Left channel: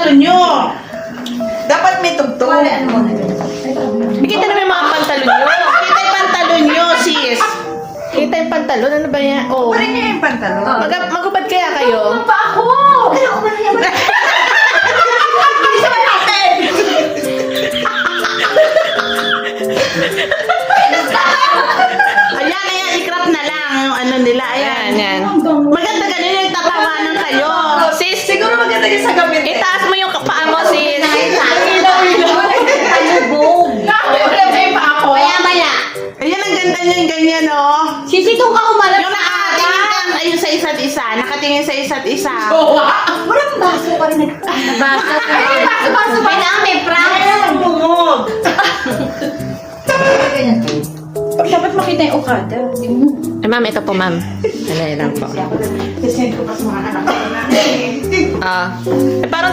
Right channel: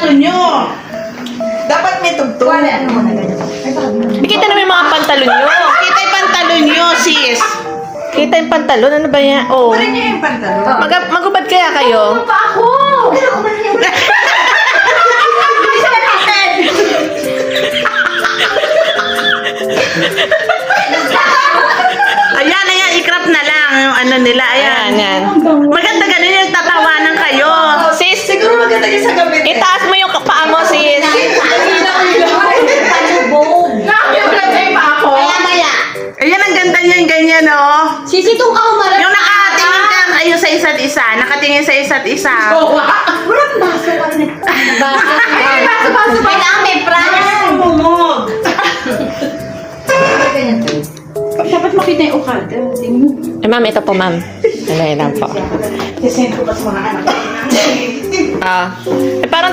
Nyo. Dapat may tugtog. Kita naman yung mga pantalon nyo. Kita yung pantalon nyo, sis. Kita yung pantalon. Ano ba yan? Oh. Parin nyo yung pantalon. Magubad kaya kayo? Pa ako! Ayan, ayan. I-crop na lang yung ano nila. Ayan, Ayan. yan. Maganda ganun yung tatawanan kayo. Sis, Siguro maganda yung sa gabi. itaas mo yung paa mo, sis. Palubog. Maya-maya. Ayan, ang ganda niya yung ganyan, oh. Sisitong ka umalat. Yung nakatingin ka ayun sa isa't isa. Nakatingin sa isa't isa. Walang baso pa rin. Baso pa lang, may prank. Bumog. Dapat makita yung Okada. Eh, ma'am, ito po, ma'am. Ano lang po. Sisend ko pa sa mga anak ko. Ah, eh, parang